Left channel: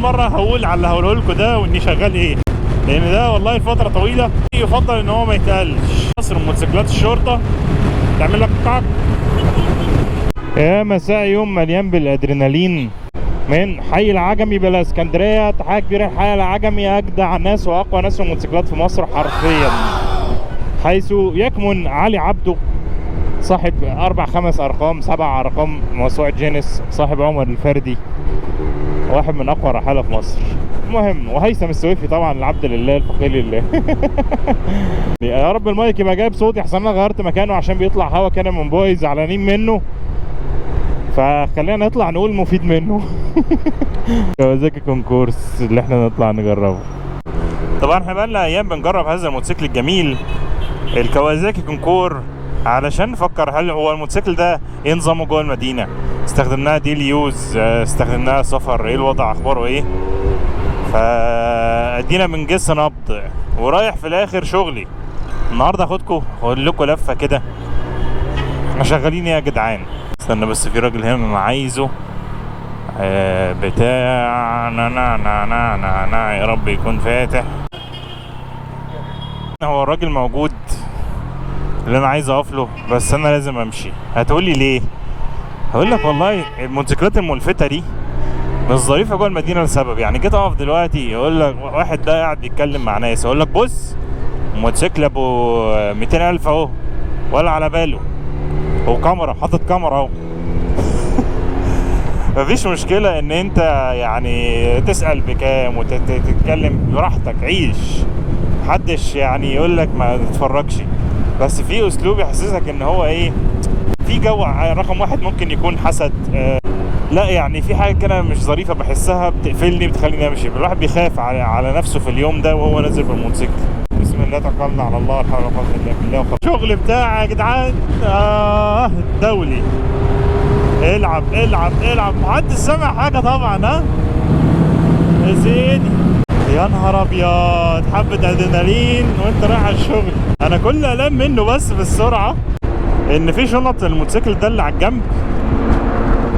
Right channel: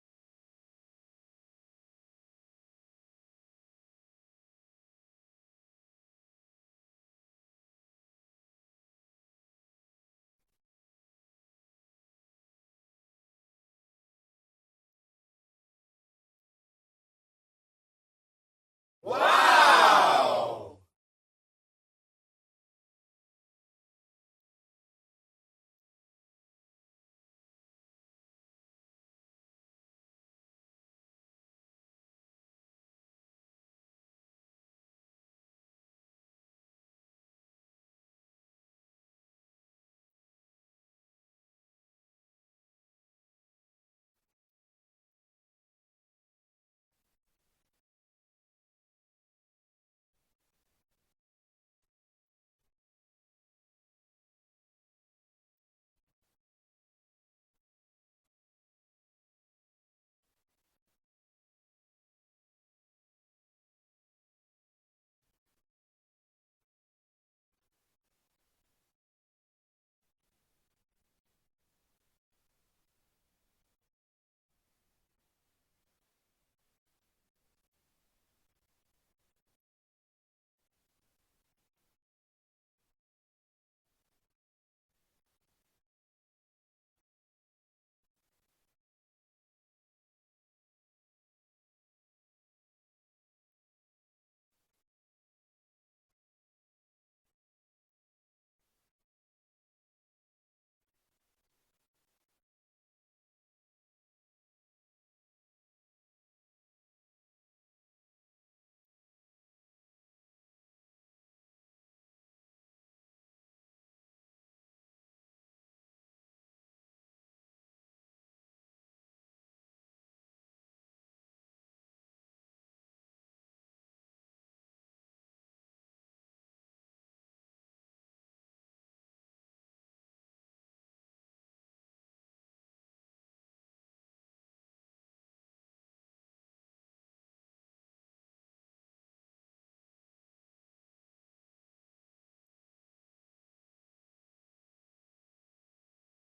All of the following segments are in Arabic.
مره هقول على اللي هقوله لكم ده واني شغال ايه، لان ده والله لفتره طويله يفضل ان هو ما يتقالش. مصر موتوسيكلات الشرطه تعمل لك قعق. يا مساء يوم مليان بالادرينالين من حي العجمي بلا اسكندريه. تحيه كبيره لحي العجمي، اجدع ناس واقوى ناس في الموتوسيكلات في مصر حرفيا، حيث يكمن علي عبده صاحب 4 5 أرقام 7 أرقام موسوعة جينيس، صاحب عمر الفردي، واحد من أقوى الرحالة في مصر. المهم، وهيثم السويفي طبعا العبد لله الفقير لله. يا رب المايك يبقى جايب صوتي، احسن انا غيرت مكانه عشان بيطلع هوا كده من بوي زعلانين منه، فخلينا نطلع نقول مفيد منه. كوازاكي كونكورس اللي احنا نطلع نجربه. طبعا احنا بقالنا ايام بنجرب هذا الموتوسيكل الجميل الكوازاكي كونكور، علشان نفكر هل هو الموتوسيكل ده ايه نظامه جوه المدينه. استخدمناه ديلي يوز، استخدمناه سفر، ايه الوضع اخباره ايه. فادينا بنجس نبض ورايح في الاخر شغلي. النهارده هاخدكم اقول لكم لفه كده احنا شغالين ايه يا جدعان. استنى بس، في راجل هنا انا عايزه بتاع نا يا رب يكون فاتح. هو الراجل موجود اللي انا عايز اقف له، بس انا لازم امشي. هتقولي ليه؟ هقول لك والله الموتوسيكلات الملفتة دي مش ظريفة جوه المدينة لسبب. يعني جيت اقف دلوقتي يقول لك واحد ده قاعد يتكلم مع ناس، اقول لك بص موتوسيكل ابو 200,000 اهو ولا على باله، هو كاميرا، حاطط كاميرا اهو. مفيش مشكلة ان انت يعني تسأل بكام وتتكلم براحتك، عيش، محدش يعني يقول لك ما تتفرجش، بس في اسلوب يحسسك ان هو ايه، في جو. رقم واحد ممكن يكون حسد، لا يعني في حاجه كده مش ظريفه بحسها بتقفلني بتخليني امشي. الواحد بيخاف على نفسه في اليوم ده وهو نازل بالموتوسيكل. بسم الله توكلنا على الله، الحمد لله بالله. شغل بتاع يا جدعان دولي. العب العب العب، محدش سامع حاجه طبعا. ها يا سيدي، يا نهار ابيض، حبه ادرينالين وانت رايح على الشغل. انا كل قلقان منه بس بالسرعه ان في شنط الموتوسيكل ده اللي على الجنب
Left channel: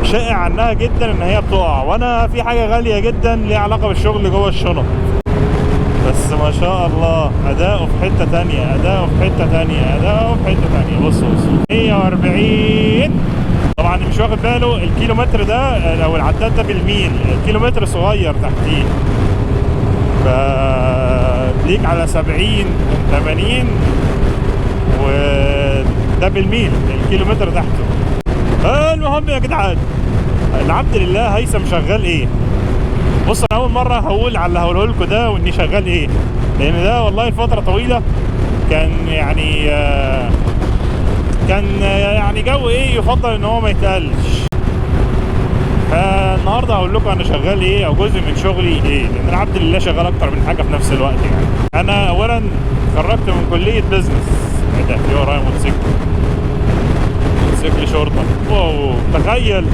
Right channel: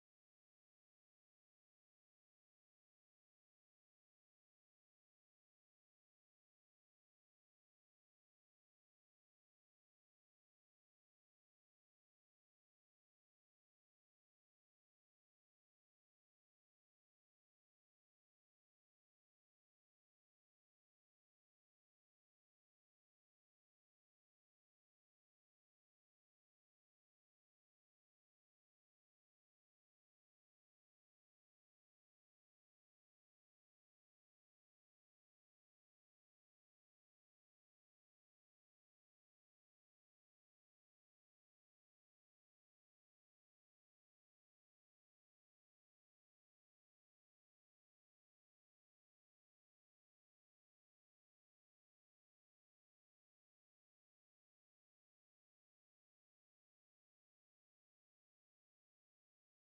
شائع عنها جدا ان هي بتقع، وانا في حاجه غاليه جدا ليها علاقه بالشغل جوه الشنط. بس ما شاء الله اداؤه في حته تانية، اداؤه في حته تانية، اداؤه في حته تانية. بص 140. طبعا مش واخد باله الكيلومتر ده او العداد ده بالميل، الكيلومتر صغير تحتيه، فليك على 70 80 وده بالميل الكيلومتر تحته. المهم يا جدعان، العبد لله هيثم شغال ايه. بص انا اول مره هقول على اللي هقوله لكم ده واني شغال ايه، لان ده والله لفتره طويله كان يعني جو ايه يفضل ان هو ما يتقالش. فالنهارده هقول لكم انا شغال ايه او جزء من شغلي ايه، لان العبد لله شغال اكتر من حاجه في نفس الوقت. يعني انا اولا اتخرجت من كليه بيزنس. ايه ده، في ورايا موتوسيكل شرطه. واو، تخيل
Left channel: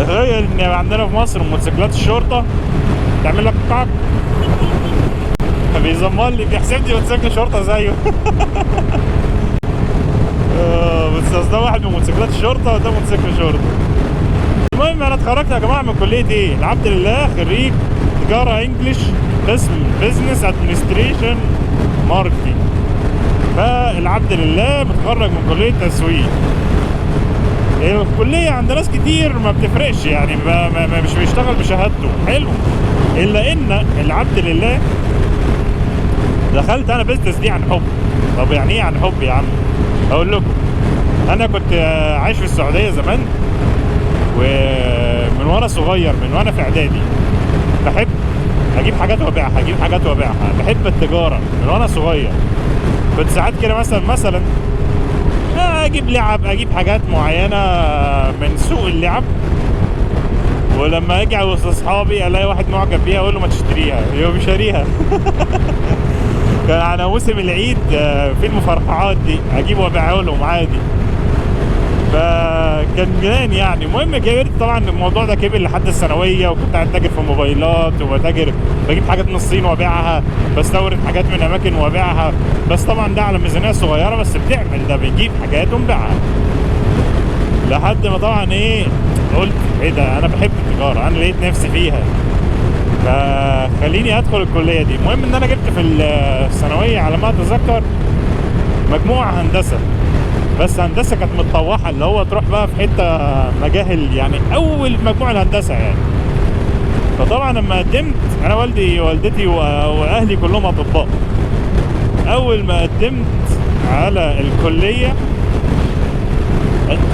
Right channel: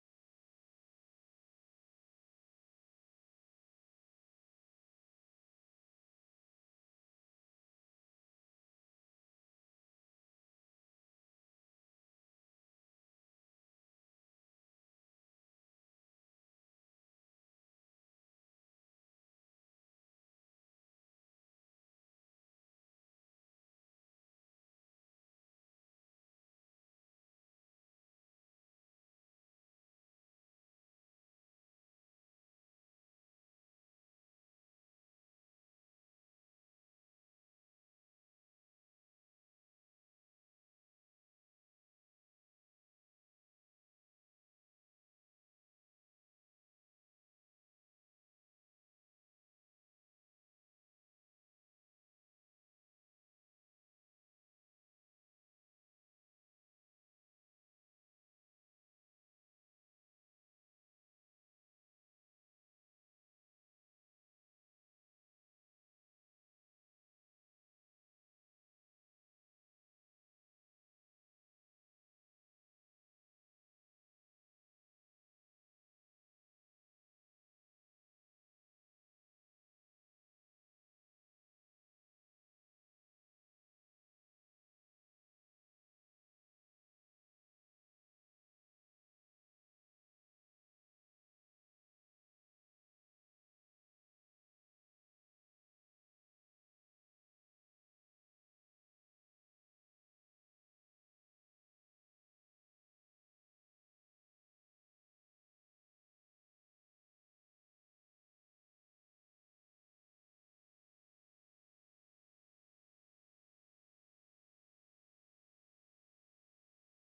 ان عندنا في مصر موتوسيكلات الشرطه تعمل لك قعق. بيزمر لي، بيحسبني موتوسيكل شرطه زيه. بس ده واحد من موتوسيكلات الشرطه وده موتوسيكل شرطه. المهم انا اتخرجت يا جماعه من كليه ايه؟ العبد لله خريج تجاره انجلش، قسم بزنس ادمنستريشن ماركتنج. فالعبد لله متخرج من كليه تسويق. الكليه عند ناس كتير ما بتفرقش، يعني مش بيشتغل بشهادته حلو، الا ان العبد لله دخلت انا بيزنس دي عن حب. طب يعني ايه عن حب يا عم؟ اقول لكم، انا كنت عايش في السعوديه زمان، ومن وانا صغير، من وانا في اعدادي بحب اجيب حاجات وابيعها، بحب التجاره من وانا صغير. كنت ساعات كده مثلا اجيب لعب، اجيب حاجات معينه من سوق اللعب، ولما اجي وسط اصحابي الاقي واحد معجب بيها اقول له ما تشتريها، يقوم شاريها. كان على موسم العيد في المفرقعات دي اجيب وابيعها لهم عادي، فكان جنان يعني. المهم كبرت طبعا، الموضوع ده كبر لحد الثانويه، وكنت قاعد تاجر في موبايلات بجيب حاجات من الصين وابيعها، بستورد حاجات من اماكن وابيعها، بس طبعا ده على ميزانيه صغيره، بس بتعمل ده، بنجيب حاجات ونبيعها. لحد ما طبعا ايه، قلت ايه ده، انا بحب التجاره، انا لقيت نفسي فيها. فخليني ادخل الكليه دي. المهم ان انا جبت في الثانويه على ما اتذكر مجموعه هندسه، بس هندسه كانت متطوحه، اللي هو تروح بقى في حته مجاهل يعني، اول مجموعه الهندسه يعني. فطبعا لما قدمت انا والدي ووالدتي واهلي كلهم اطباء، اول ما قدمت على الكليه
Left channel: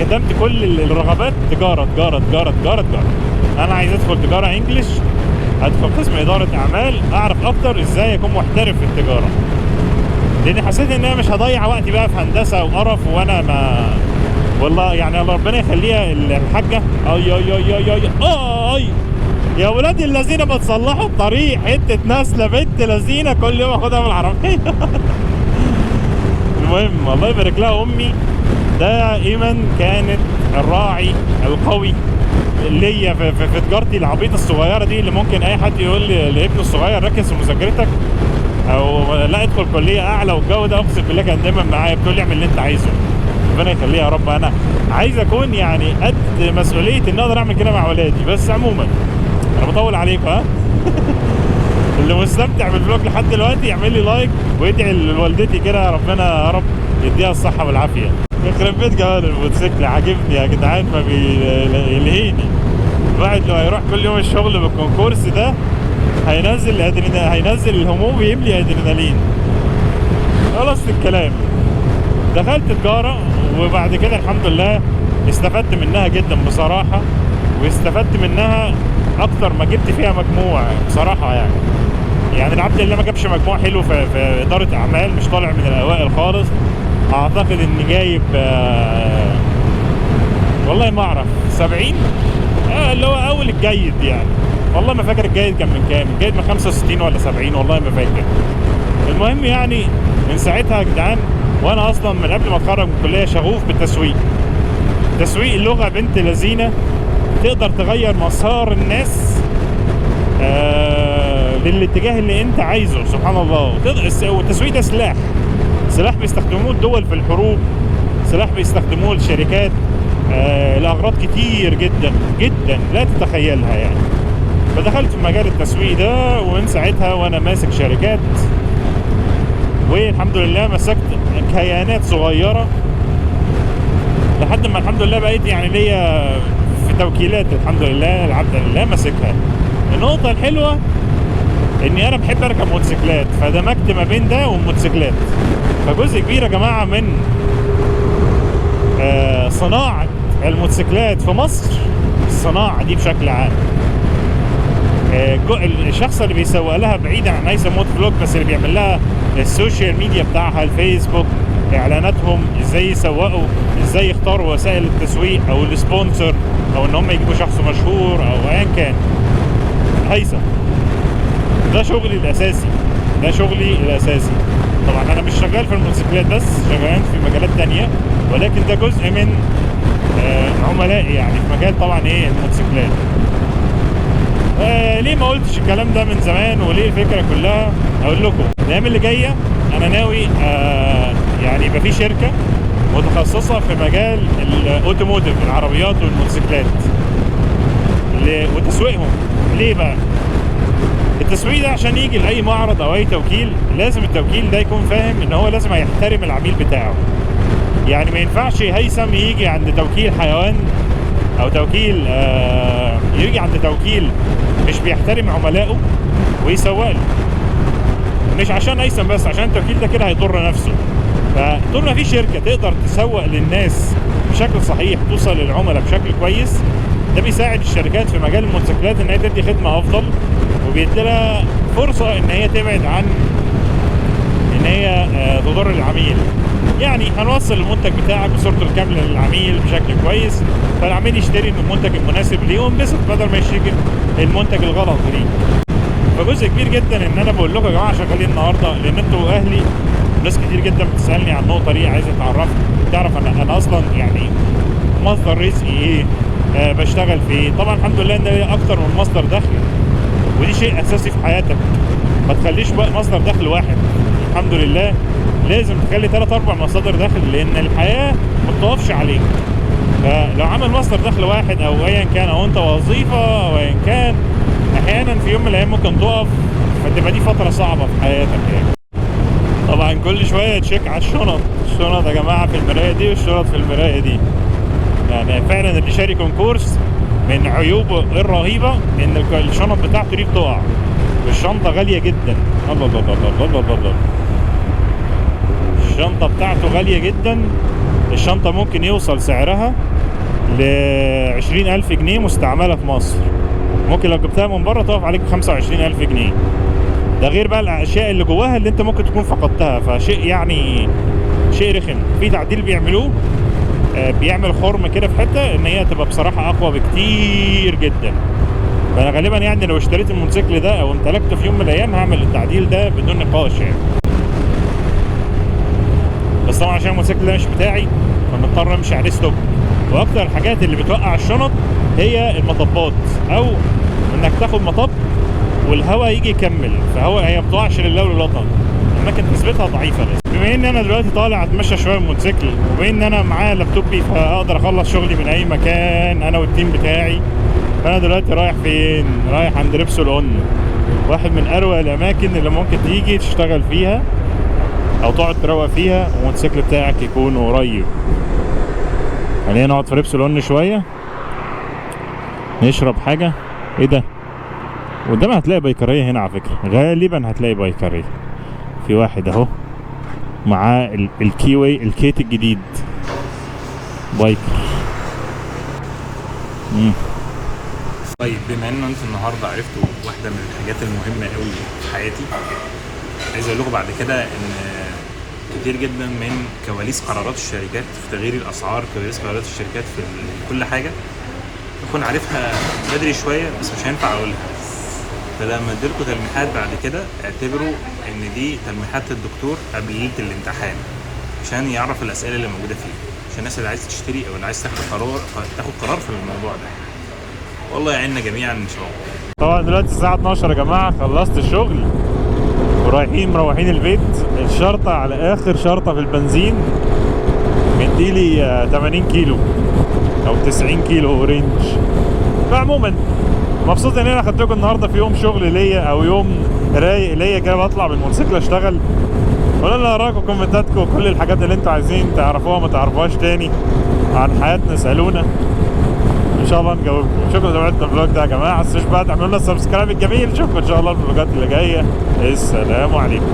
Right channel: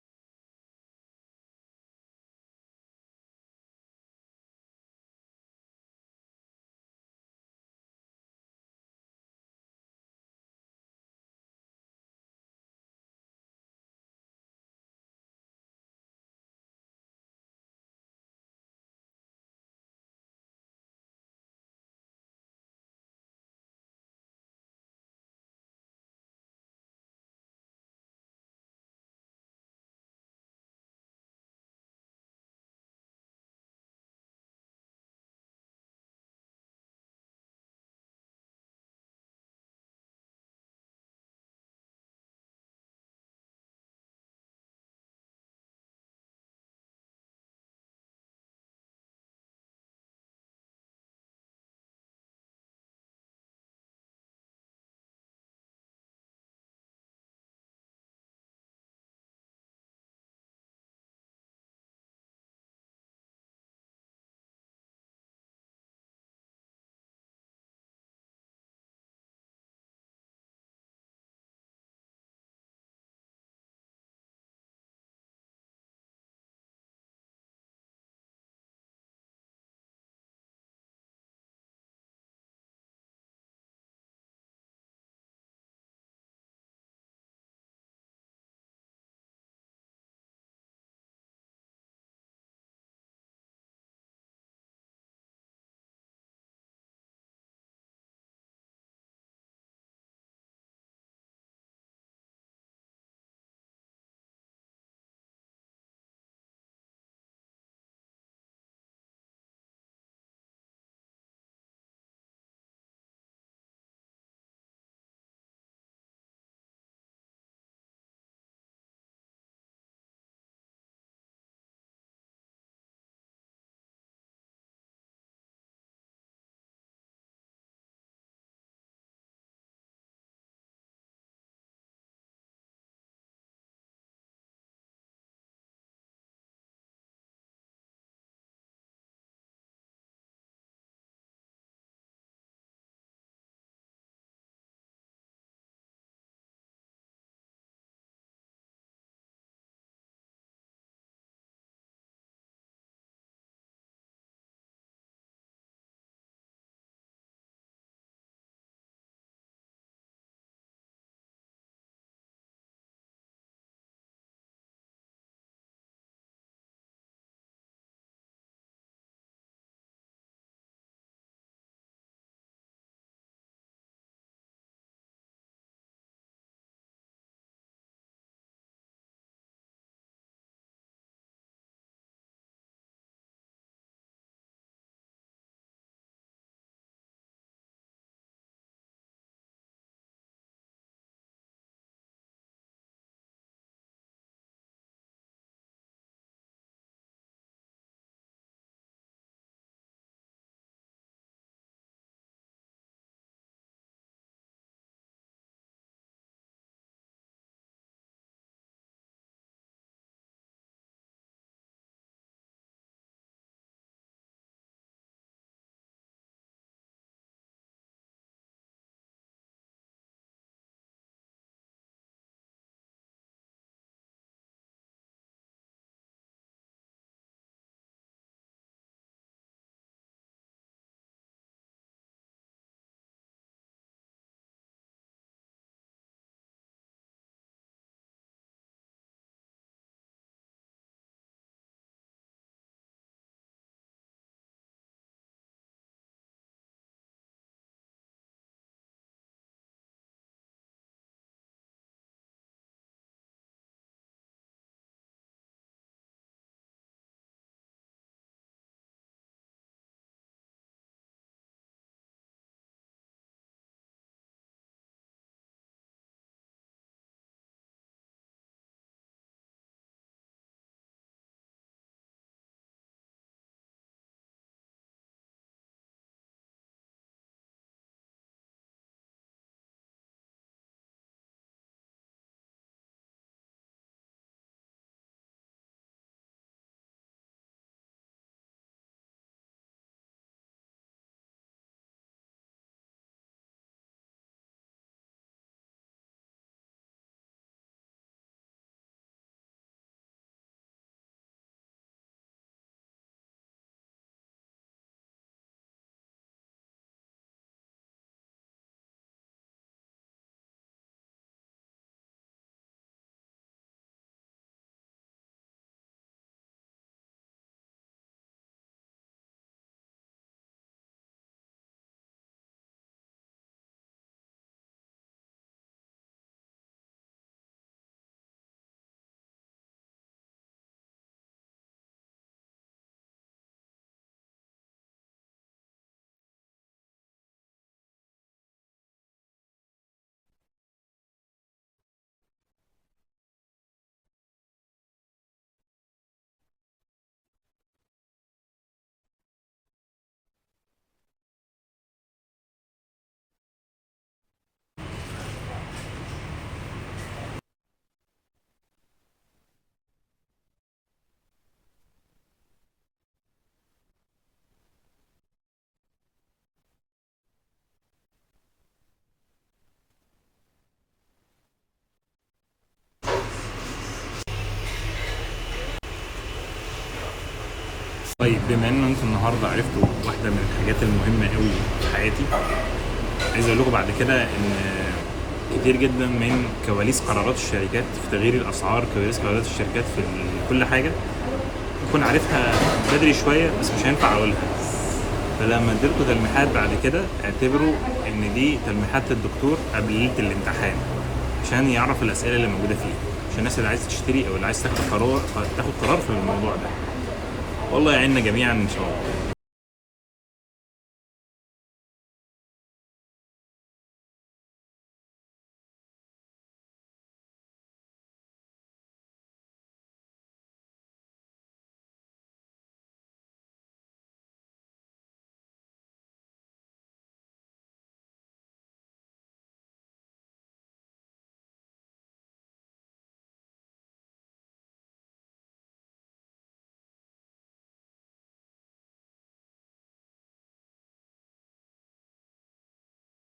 كتبت كل الرغبات تجاره تجاره تجاره تجاره تجاره. انا عايز ادخل تجاره انجلش، ادخل قسم اداره اعمال، اعرف اكتر ازاي اكون محترف في التجاره، لان حسيت ان انا مش هضيع وقتي بقى في هندسه وقرف. وانا ما والله يعني الله ربنا يخليها الحاجه، اي اي اي اي اي اي يا ولاد الذين بتصلحوا الطريق، حته ناسله بنت لذينه كل يوم اخدها من العربيه. المهم الله يبارك لها امي، دائما كانت الراعي القوي ليا في تجارتي العبيطه الصغيره دي، اللي ممكن اي حد يقول لي لابنه الصغير ركز في مذاكرتك او لا ادخل كليه اعلى والجو ده، اقسم بالله كان دايما معايا بتقول لي اعمل اللي انت عايزه. ربنا يخليها يا رب. انا عايز اكون يعني قد مسؤوليه ان اقدر اعمل كده مع ولادي. بس عموما انا بطول عليكم ها. اللي مستمتع بالفلوج لحد دلوقتي يعمل لي لايك ويدعي لوالدتي كده، ربنا يا رب يديها الصحه والعافيه. يخرب بيت جمال الموتوسيكل، عاجبني يا جدعان، ما بيلهيني. الواحد لو هيروح كل يوم الشغل بالكونكورس ده هينزل الهموم ويملي ادرينالين. خلاص الكلام. دخلت تجاره وبعد كده الحمد لله استفدت منها جدا بصراحه، واستفدت منها اكتر ما جبت فيها مجموع بصراحه يعني العبد اللي ما جابش مجموع حلو في اداره اعمال، مش طالع من الاوائل خالص. اعتقد اني جايب والله ما اعرف 70 اللي هو اول الجيد يعني. والله ما فاكر الجيد كان من كام، الجيد من 65 ولا 70 والله ما فاكر. المهم يعني من ساعتها يا جدعان وانا اصلا من قبل ما اتخرج من الكليه شغوف بالتسويق. تسويق اللغه بنت لذينه تقدر تغير مسار الناس للاتجاه اللي انت عايزه، سبحان الله. والتسويق ده سلاح بيستخدموه الدول في الحروب، سلاح بيستخدموه الشركات لأغراض كتير جدا جدا لا تتخيلها يعني. فدخلت في مجال التسويق ده ومن ساعتها وانا ماسك شركات، والحمد لله مسكت كيانات صغيرة لحد ما الحمد لله بقيت يعني ليا في توكيلات الحمد لله العبد لله ماسكها. النقطة الحلوة اني انا بحب اركب موتوسيكلات، فدمجت ما بين ده والموتوسيكلات. فجزء كبير يا جماعة من صناعة الموتوسيكلات في مصر، الصناعة دي بشكل عام، الشخص اللي بيسوق لها بعيدا عن هيثم موتو فلوج، بس اللي بيعمل لها السوشيال ميديا بتاعها، الفيسبوك، اعلاناتهم، ازاي يسوقوا، ازاي يختاروا وسائل التسويق او السبونسر، او ان هم يجيبوا شخص مشهور او ايا كان. هيثم ده شغلي الاساسي. طبعا انا مش شغال في الموتوسيكلات بس، شغال في مجالات تانية، ولكن ده جزء من عملائي يعني في مجال طبعا الموتوسيكلات. ليه ما قلتش الكلام ده من زمان وليه الفكرة كلها؟ اقول لكم الايام اللي جاية انا ناوي يعني يبقى في شركة متخصصة في مجال الاوتوموتيف، العربيات والموتوسيكلات وتسويقهم. ليه بقى؟ التسويق ده عشان يجي لأي معرض أو أي توكيل لازم التوكيل ده يكون فاهم إن هو لازم يحترم العميل بتاعه. يعني ما ينفعش هيثم يجي عند توكيل حيوان أو توكيل يجي عند توكيل مش بيحترم عملائه ويسوق له. مش عشان هيثم بس، عشان التوكيل ده كده هيضر نفسه. فطول ما في شركة تقدر تسوق للناس بشكل صحيح، توصل للعملاء بشكل كويس، ده بيساعد الشركات في مجال الموتوسيكلات ان هي تدي خدمة افضل، وبيديلها فرصة ان هي تبعد عن ان هي تضر العميل. يعني هنوصل المنتج بتاعك بصورته الكاملة للعميل بشكل كويس، فالعميل يشتري من المنتج المناسب ليه وينبسط بدل ما يشتري المنتج الغلط ليه. فجزء كبير جدا ان انا بقول لكم يا جماعة شغالين النهاردة، لان انتوا اهلي ناس كتير جدا بتسألني عن النقطة دي، عايزة تعرف انا اصلا يعني مصدر رزقي ايه، بشتغل في ايه. طبعا الحمد لله ان ليا اكتر من مصدر دخل، ودي شيء اساسي في حياتك. ما تخليش بقى مصدر دخل واحد، الحمد لله لازم تخلي 3-4 مصادر دخل، لان الحياة ما بتقفش عليك. فلو عمل مصدر دخل واحد او ايا كان، او انت وظيفة او ايا كان، احيانا في يوم من الايام ممكن تقف، فتبقى دي فتره صعبه في حياتك يعني. طبعا كل شويه تشيك على الشنط يا جماعه في المرايه دي والشنط في المرايه دي. يعني فعلا اللي شاري كونكورس من عيوبه الرهيبه ان الشنط بتاعته دي بتقع، والشنطه غاليه جدا. الله الله الله الله الله الله، الشنطه بتاعته غاليه جدا. الشنطه ممكن يوصل سعرها ل20,000 جنيه مستعمله في مصر. ممكن لو جبتها من بره تقف عليك ب25,000 جنيه. ده غير بقى الاشياء اللي جواها اللي انت ممكن تكون فقدتها. فشيء يعني شيء رخم. في تعديل بيعملوه، بيعمل خرم كده في حته ان هي تبقى بصراحه اقوى بكتير جدا. فانا غالبا يعني لو اشتريت الموتوسيكل ده او امتلكته في يوم من الايام هعمل التعديل ده بدون نقاش يعني. بس طبعا عشان الموتوسيكل ده مش بتاعي فمضطر امشي عليه ستوب. واكتر الحاجات اللي بتوقع الشنط هي المطبات، او انك تاخد مطب والهواء يجي يكمل، هي ما بتقعش لله وللوطن، اماكن نسبتها ضعيفه. بس بما ان انا دلوقتي طالع اتمشى شويه بالموتوسيكل، وبما ان انا معايا لابتوبي فاقدر اخلص شغلي من اي مكان انا والتيم بتاعي، فانا دلوقتي رايح فين؟ رايح عند ريبسول اون، واحد من اروع الاماكن اللي ممكن تيجي تشتغل فيها او تقعد تروق فيها والموتوسيكل بتاعك يكون قريب. خلينا نقعد في ريبسول اون شويه نشرب حاجه. ايه ده؟ قدام هتلاقي بايكرية هنا على فكرة، غالبا هتلاقي بايكرية. في واحد اهو معاه الكيوي الكيت الجديد بايكر. طيب بما ان انتوا النهارده عرفتوا واحدة من الحاجات المهمة قوي في حياتي، عايز اقول لكم بعد كده ان كتير جدا من كواليس قرارات الشركات في تغيير الاسعار، كواليس قرارات الشركات في كل حاجة اكون عارفها بدري شوية بس مش هينفع اقولها. فلما اديلكوا تلميحات بعد كده اعتبروا ان دي تلميحات الدكتور قبل ليله الامتحان، عشان يعرف الاسئله اللي موجوده فيها، عشان الناس اللي عايزه تشتري او اللي عايز تاخد قرار في الموضوع ده. والله يعيننا جميعا ان شاء الله. طبعا دلوقتي الساعه 12 يا جماعه، خلصت الشغل مروحين البيت. الشرطه على اخر شرطه في البنزين مديلي 80 كيلو او 90 كيلو رينج. فعموما مبسوط ان انا خدتكم النهارده في يوم شغل ليا او يوم رايق ليا كده، بطلع بالموتوسيكل اشتغل. قولوا لنا رايكم كومنتاتكم وكل الحاجات اللي انتوا عايزين تعرفوها ما تعرفوهاش تاني عن حياتنا، اسالونا ان شاء الله نجاوبكم. شكرا لمتابعتنا الفلوج ده يا جماعه. ما تنسوش بقى تعملوا لنا السبسكرايب الجميل. نشوفكم ان شاء الله في الفلوجات اللي جايه. السلام عليكم.